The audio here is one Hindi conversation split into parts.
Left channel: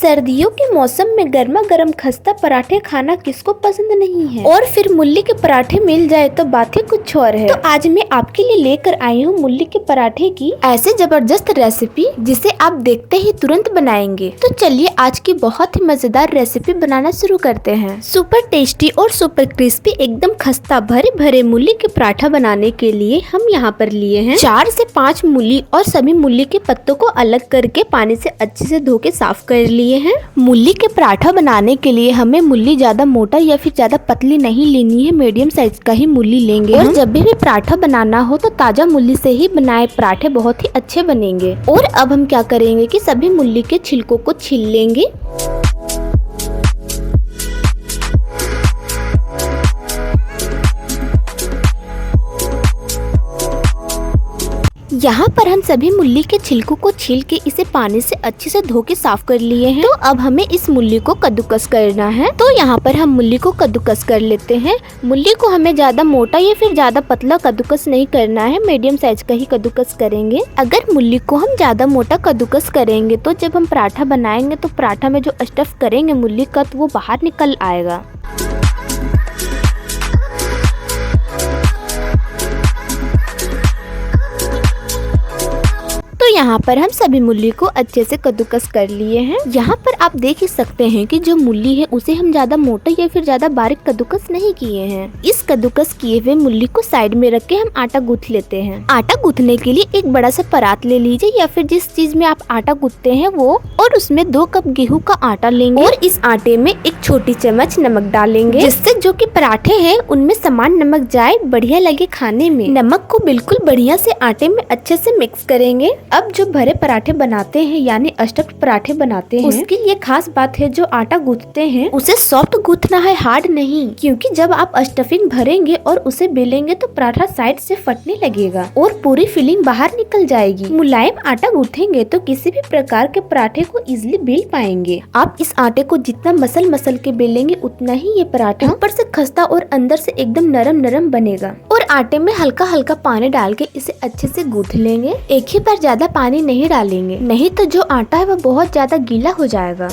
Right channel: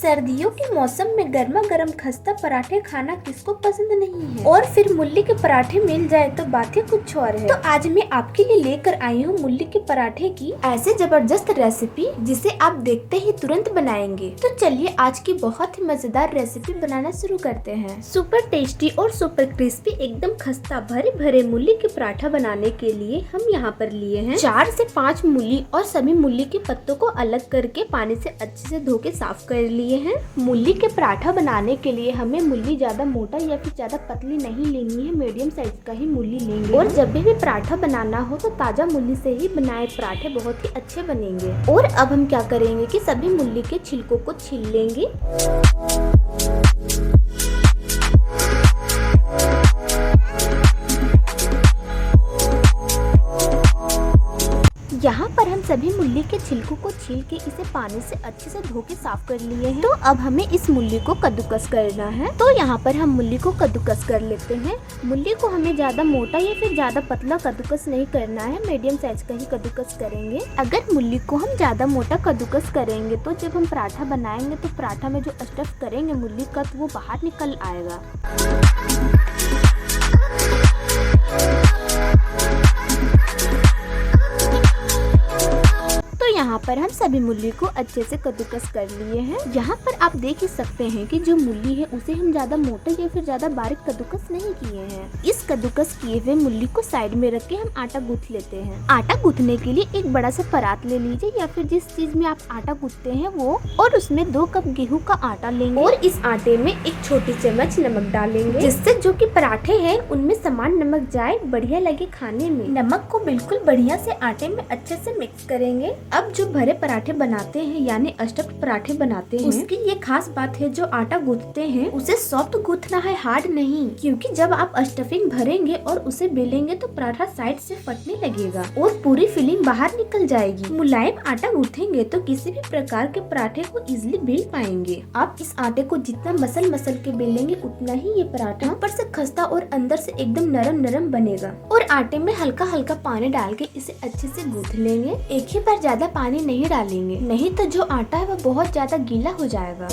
सर्दियों के मौसम में गर्मा गर्म खस्ता पराठे खाना किसको पसंद नहीं है, और फिर मूली के पराठे मिल जाए तो बात ही कुछ और है। तो आज मैं आपके लिए लेकर आई हूँ मूली के पराठे की ऐसे जबरदस्त रेसिपी जिसे आप देखते ही तुरंत बनाएंगे। तो चलिए आज की बहुत ही मजेदार रेसिपी बनाना शुरू करते हैं। सुपर टेस्टी और सुपर क्रिस्पी एकदम खस्ता भरे भरे मूली के पराठा बनाने के लिए हम यहाँ पर लिए हैं 4 से 5 मूली और सभी मूली के पत्तों को अलग करके पानी से अच्छे से धो के साफ कर लिए हैं। मूली के पराठा बनाने के लिए हमें मूली ज्यादा मोटा या फिर ज्यादा पतली नहीं लेनी है, मीडियम साइज का ही मूली लेंगे। और जब भी पराठा बनाना हो तो ताजा मूली से ही बनाए पराठे बहुत ही अच्छे बनेंगे। और अब हम क्या करेंगे कि सभी मूली के छिलकों को छील लेंगे। यहाँ पर हम सभी मूली के छिलकों को छील के इसे पानी से अच्छे से धो के साफ कर लिए हैं। तो अब हमें इस मूली को कद्दूकस करना है। तो यहाँ पर हम मूली को कद्दूकस कर लेते हैं। मूली को हमें ज्यादा मोटा या फिर ज्यादा पतला कद्दूकस नहीं करना है, मीडियम साइज का ही कद्दूकस करेंगे। अगर मूली को हम ज्यादा मोटा कद्दूकस करेंगे तो जब हम पराठा बनाएंगे तो पराठा में जो स्टफ करेंगे मूली का तो वो बाहर निकल आएगा। यहाँ पर हम सभी मूली को अच्छे से कद्दूकस कर लिए हैं। यहाँ पर आप देख ही सकते हैं कि जो मूली है उसे हम ज्यादा मोटा या फिर ज्यादा बारीक कद्दूकस नहीं किए हैं। इस कद्दूकस किए हुए मूली को साइड में रख के हम आटा गूंथ लेते हैं। आटा गूंथने के लिए एक बड़ा सा परात ले लीजिए या फिर जिस चीज में आप आटा गूंथते हैं वो, और उसमें 2 कप गेहूं का आटा लेंगे और इस आटे में 1 छोटी चम्मच नमक डालेंगे, जिससे जो कि पराठे हैं उनमें समान नमक जाए, बढ़िया लगे खाने में। नमक को बिल्कुल बढ़िया से आटे में अच्छे से मिक्स करेंगे। अब जो भरे पराठे बनाते हैं यानी स्टफ्ड पराठे बनाते हैं उसकी ये खास बात है, जो आटा गूंथते हैं उसे सॉफ्ट गूंथना है, हार्ड नहीं। क्योंकि जब आप स्टफिंग भरेंगे और उसे बेलेंगे तो पराठा साइड से फटने लगेगा और पूरी फिलिंग बाहर निकल जाएगी। मुलायम आटा गूंथेंगे तो किसी भी प्रकार के पराठे को इजिली बेल पाएंगे। आप इस आटे को जितना मसल के बेलेंगे उतना ही ये पराठा ऊपर से खस्ता और अंदर से एकदम नरम बनेगा। और आटे में हल्का पानी डाल के इसे अच्छे से गूंथ लेंगे। एक ही बार ज्यादा पानी नहीं डालेंगे, नहीं तो जो आटा है वो बहुत ज्यादा गीला हो जाएगा।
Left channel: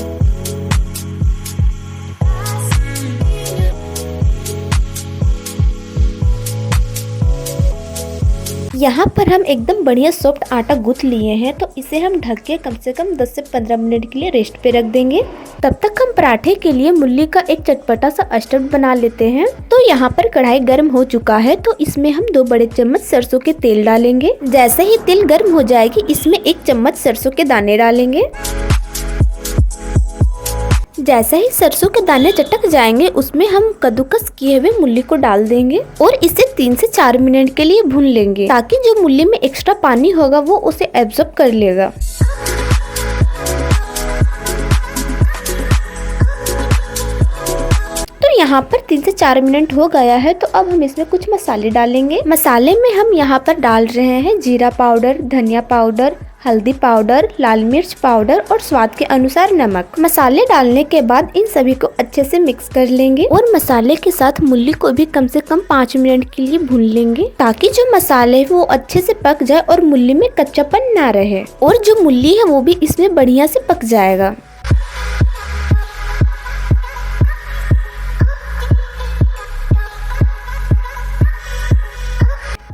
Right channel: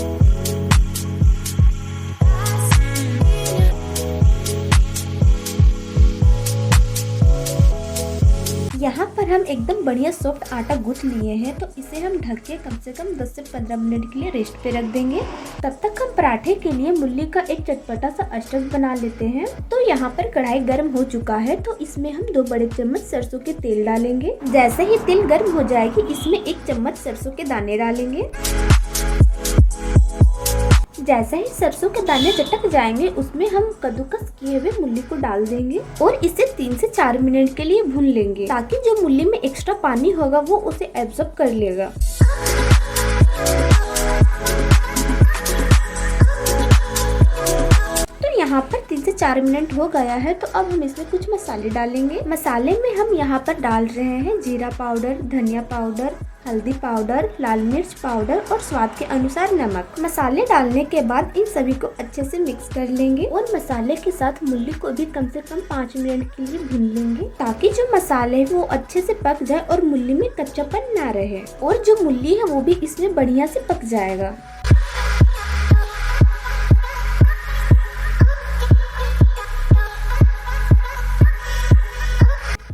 यहाँ पर हम एकदम बढ़िया सॉफ्ट आटा गूंथ लिए हैं, तो इसे हम ढक के कम से कम 10 से 15 मिनट के लिए रेस्ट पे रख देंगे। तब तक हम पराठे के लिए मूली का एक चटपटा सा स्टफ बना लेते हैं। तो यहाँ पर कढ़ाई गर्म हो चुका है, तो इसमें हम 2 बड़े चम्मच सरसों के तेल डालेंगे। जैसे ही तेल गर्म हो जाएगी इसमें 1 चम्मच सरसों के दाने डालेंगे। जैसे ही सरसों के दाने चटक जाएंगे उसमें हम कद्दूकस किए हुए मूली को डाल देंगे और इसे 3 से 4 मिनट के लिए भून लेंगे, ताकि जो मूली में एक्स्ट्रा पानी होगा वो उसे एब्जॉर्ब कर लेगा। तो यहाँ पर 3 से 4 मिनट हो गया है, तो अब हम इसमें कुछ मसाले डालेंगे। मसाले में हम यहाँ पर डाल रहे हैं जीरा पाउडर, धनिया पाउडर, हल्दी पाउडर, लाल मिर्च पाउडर और स्वाद के अनुसार नमक। मसाले डालने के बाद इन सभी को अच्छे से मिक्स कर लेंगे और मसाले के साथ मूली को भी कम से कम 5 मिनट के लिए भून लेंगे, ताकि जो मसाले वो अच्छे से पक जाए और मूली में कच्चापन ना रहे, और जो मूली है वो भी इसमें बढ़िया से पक जाएगा।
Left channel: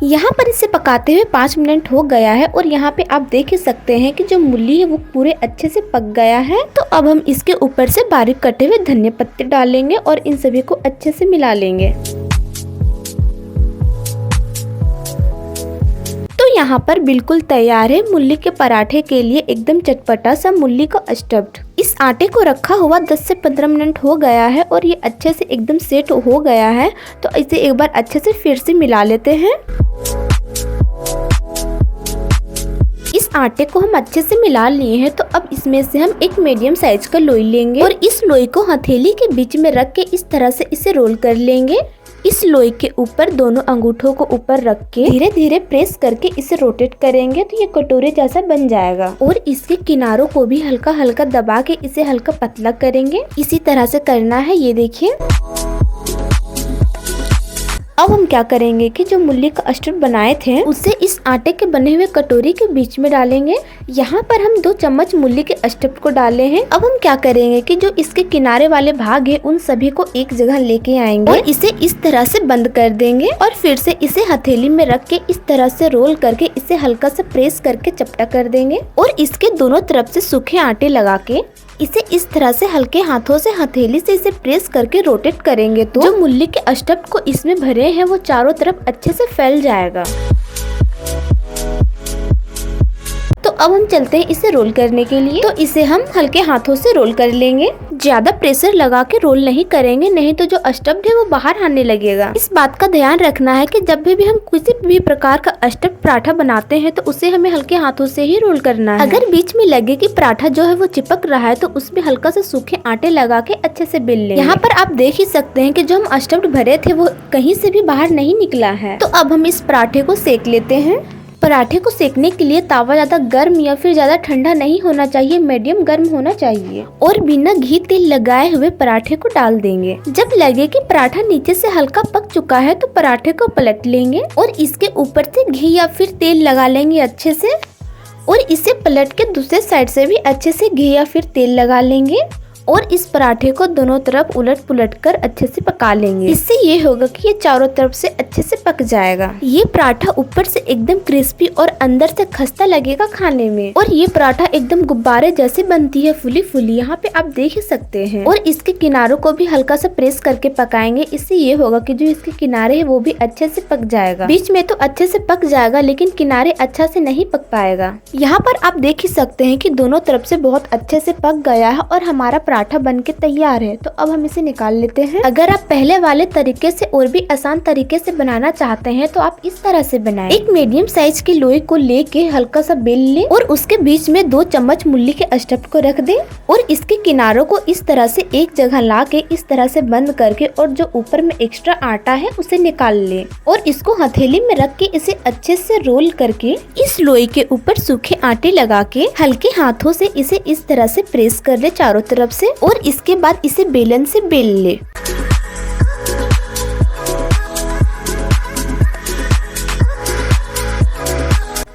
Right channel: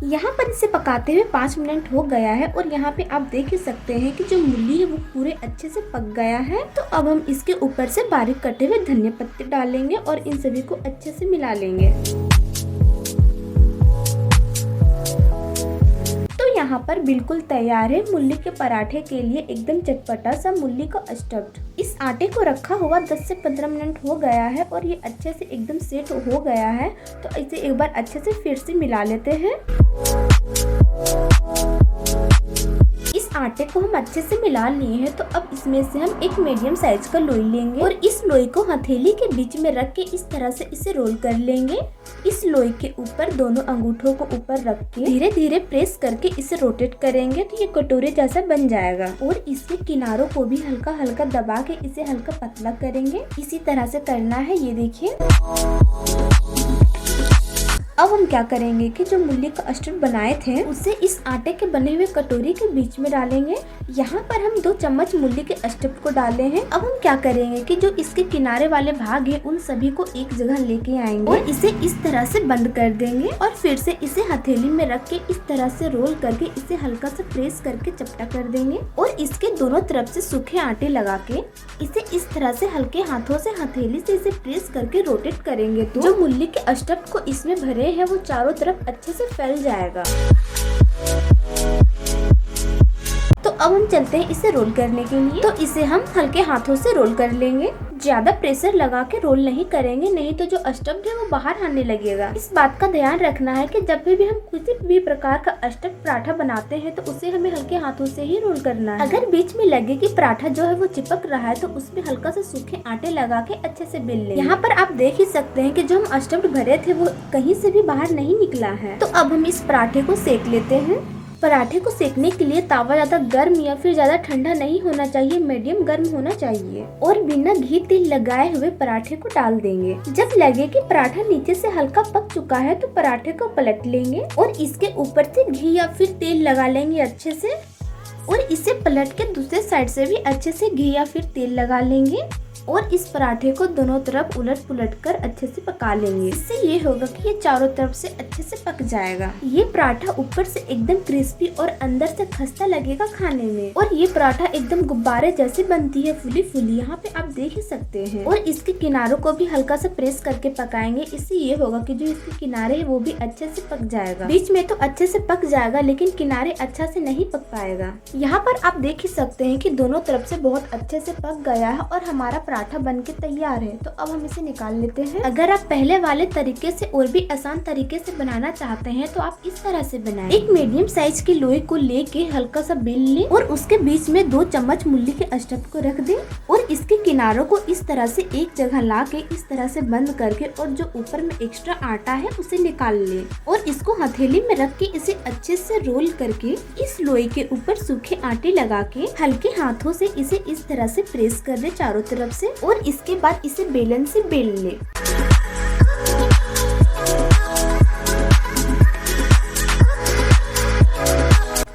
यहाँ पर इसे पकाते हुए 5 मिनट हो गया है और यहाँ पे आप देख ही सकते हैं कि जो मूली है वो पूरे अच्छे से पक गया है। तो अब हम इसके ऊपर से बारीक कटे हुए धनिया पत्ते डालेंगे और इन सभी को अच्छे से मिला लेंगे। तो यहाँ पर बिल्कुल तैयार है मूली के पराठे के लिए एकदम चटपटा सा मूली का स्टफ्ड। इस आटे को रखा हुआ 10 से 15 मिनट हो गया है और ये अच्छे से एकदम सेट हो गया है। तो इसे एक बार अच्छे से फिर से मिला लेते हैं। इस आटे को हम अच्छे से मिला लिए हैं, तो अब इसमें से हम एक मीडियम साइज का लोई लेंगे और इस लोई को हथेली के बीच में रख के इस तरह से इसे रोल कर लेंगे। इस लोई के ऊपर दोनों अंगूठों को ऊपर रख के धीरे धीरे प्रेस करके इसे रोटेट करेंगे तो ये कटोरे जैसा बन जाएगा। और इसके किनारों को भी हल्का दबा के इसे हल्का पतला करेंगे। इसी तरह से करना है, ये देखिए। अब हम क्या करेंगे कि जो मूली का स्टफ बनाए थे उसे इस आटे के बने हुए कटोरी के बीच में डालेंगे। यहाँ पर हम 2 चम्मच मूली के स्टफ को डाले हैं। अब हम क्या करेंगे कि जो इसके किनारे वाले भाग है उन सभी को एक जगह लेके आएंगे और इसे इस तरह से बंद कर देंगे और फिर से इसे हथेली में रख के इस तरह से रोल करके इसे हल्का सा प्रेस करके चपटा कर देंगे और इसके दोनों तरफ से सूखे आटे लगा के इसे इस तरह से हल्के हाथों से हथेली से इसे प्रेस करके रोटेट करेंगे तो जो मूली के स्टफ को इसमें भरे हैं वो चारों तरफ अच्छे से फैल जाएगा। तो अब हम चलते हैं इसे रोल करने के लिए। तो इसे हम हल्के हाथों से रोल कर लेंगे, ज्यादा प्रेशर लगा के रोल नहीं करेंगे, नहीं तो जो स्टफ्ड है वो बाहर आने लगेगा। इस बात का ध्यान रखना है कि जब भी हम किसी भी प्रकार का स्टफ्ड पराठा बनाते हैं तो उसे हमें हल्के हाथों से ही रोल करना है। अगर बीच में लगे कि पराठा जो है वो चिपक रहा है तो उसमें हल्का सा सूखे आटे लगा के अच्छे से बेल लेंगे। यहाँ पर आप देख ही सकते हैं कि जो हम स्टफ्ड भरे थे वो कहीं से भी बाहर नहीं निकला है। तो अब हम इस पराठे को सेक लेते हैं। पराठे को सेकने के लिए तावा ज्यादा गर्म या फिर ज्यादा ठंडा नहीं होना चाहिए, मीडियम गर्म होना चाहिए और बिना घी तेल लगाए हुए पराठे को डाल देंगे। जब लगे कि पराठा नीचे से हल्का पक चुका है तो पराठे को पलट लेंगे और इसके ऊपर से घी या फिर तेल लगा लेंगे अच्छे से और इसे पलट के दूसरे साइड से भी अच्छे से घी या फिर तेल लगा लेंगे और इस पराठे को दोनों तरफ उलट पुलट कर अच्छे से पका लेंगे। इससे ये होगा कि ये चारों तरफ से अच्छे से पक जाएगा। ये पराठा ऊपर से एकदम क्रिस्पी और अंदर से खस्ता लगेगा खाने में और ये पराठा एकदम गुब्बारे जैसे बनती है, फुली फुली, यहाँ पे आप देख ही सकते हैं। और इसके किनारों को भी हल्का सा प्रेस करके पकाएंगे। इससे ये होगा कि जो इसके किनारे है वो भी अच्छे से पक जाएगा। बीच में तो अच्छे से पक जाएगा लेकिन किनारे अच्छा से नहीं पक पाएगा। यहाँ पर आप देख ही सकते हैं कि दोनों तरफ से बहुत अच्छे से पक गया है और हमारा पराठा बनके तैयार है। तो अब हम इसे निकाल लेते हैं। अगर आप पहले वाले तरीके से और भी आसान तरीके से बनाना चाहते हैं तो आप इस तरह से बनाएं। एक मीडियम साइज की लोई को लेके हल्का सा बेल लें और उसके बीच में 2 चम्मच मूली के स्टफ को रख दें और इसके किनारों को इस तरह से एक जगह ला के इस तरह से बंद करके और जो ऊपर में एक्स्ट्रा आटा है उसे निकाल लें और इसको हथेली में रख के इसे अच्छे से रोल करके इस लोई के ऊपर सूखे आटे लगा के हल्के हाथों से इसे इस तरह से प्रेस कर ले चारों तरफ से और इसके बाद इसे बेलन से बेल ले।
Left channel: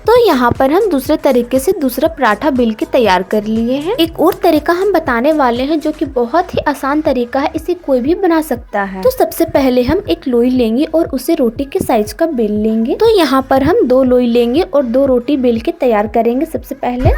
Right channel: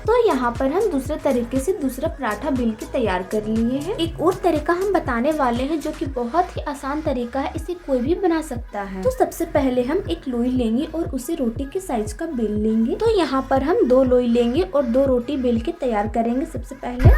तो यहाँ पर हम दूसरे तरीके से दूसरा पराठा बेल के तैयार कर लिए हैं। एक और तरीका हम बताने वाले हैं जो कि बहुत ही आसान तरीका है, इसे कोई भी बना सकता है। तो सबसे पहले हम एक लोई लेंगे और उसे रोटी के साइज का बेल लेंगे। तो यहाँ पर हम 2 लोई लेंगे और 2 रोटी बेल के तैयार करेंगे। सबसे पहले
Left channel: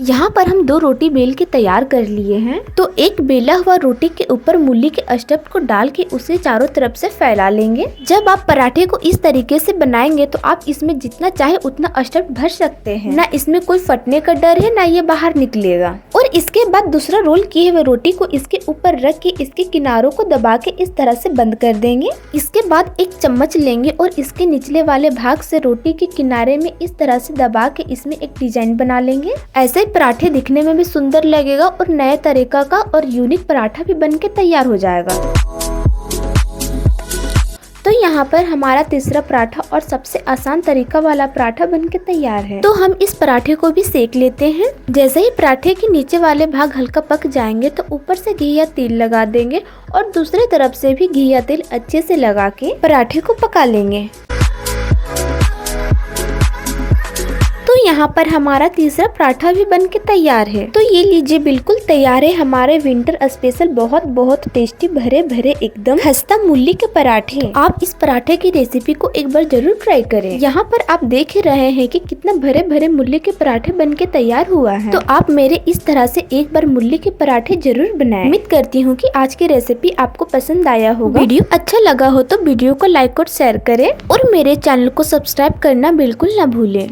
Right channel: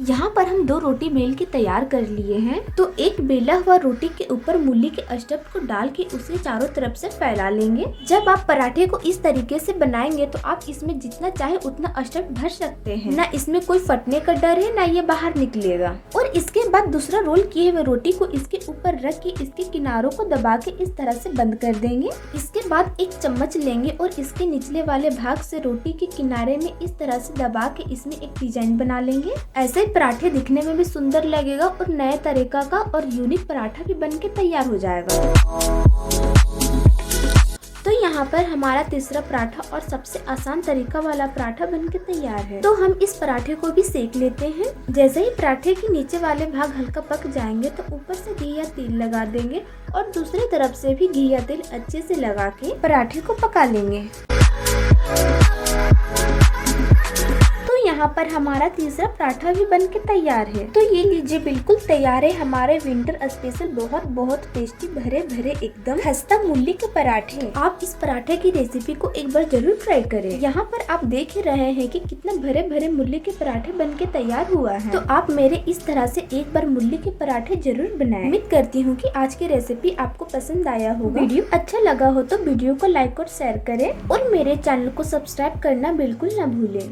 यहाँ पर हम 2 रोटी बेल के तैयार कर लिए हैं। तो एक बेला हुआ रोटी के ऊपर मूली के स्टफ को डाल के उसे चारों तरफ से फैला लेंगे। जब आप पराठे को इस तरीके से बनाएंगे तो आप इसमें जितना चाहे उतना स्टफ भर सकते हैं, ना इसमें कोई फटने का डर है ना ये बाहर निकलेगा। और इसके बाद दूसरा रोल किए हुए रोटी को इसके ऊपर रख के इसके किनारों को दबा के इस तरह से बंद कर देंगे। इसके बाद एक चम्मच लेंगे और इसके निचले वाले भाग से रोटी के किनारे में इस तरह से दबा के इसमें एक डिजाइन बना लेंगे। ऐसे पराठे दिखने में भी सुंदर लगेगा और नए तरीका का और यूनिक पराठा भी बनके तैयार हो जाएगा। तो यहाँ पर हमारा तीसरा पराठा और सबसे आसान तरीका वाला पराठा बनके तैयार है। तो हम इस पराठे को भी सेक लेते हैं। जैसे ही पराठे के नीचे वाले भाग हल्का पक जाएंगे तो ऊपर से घी या तेल लगा देंगे और दूसरी तरफ से भी घी या तेल अच्छे से लगा के पराठे को पका लेंगे। तो यहाँ पर हमारा तीसरा पराठा भी बनके तैयार है। तो ये लीजिए बिल्कुल तैयार है हमारे विंटर स्पेशल बहुत बहुत टेस्टी भरे भरे एकदम खस्ता मूली के पराठे। आप इस पराठे की रेसिपी को एक बार जरूर ट्राई करें। यहाँ पर आप देख रहे हैं कि कितना भरे भरे मूली के पराठे बनके तैयार हुआ है। तो आप मेरे इस तरह से एक बार मूली के पराठे जरूर बनाएं। उम्मीद करती हूँ कि आज की रेसिपी आपको पसंद आया होगा। वीडियो अच्छा लगा हो तो वीडियो को लाइक और शेयर करें और मेरे चैनल को सब्सक्राइब करना बिल्कुल न भूलें।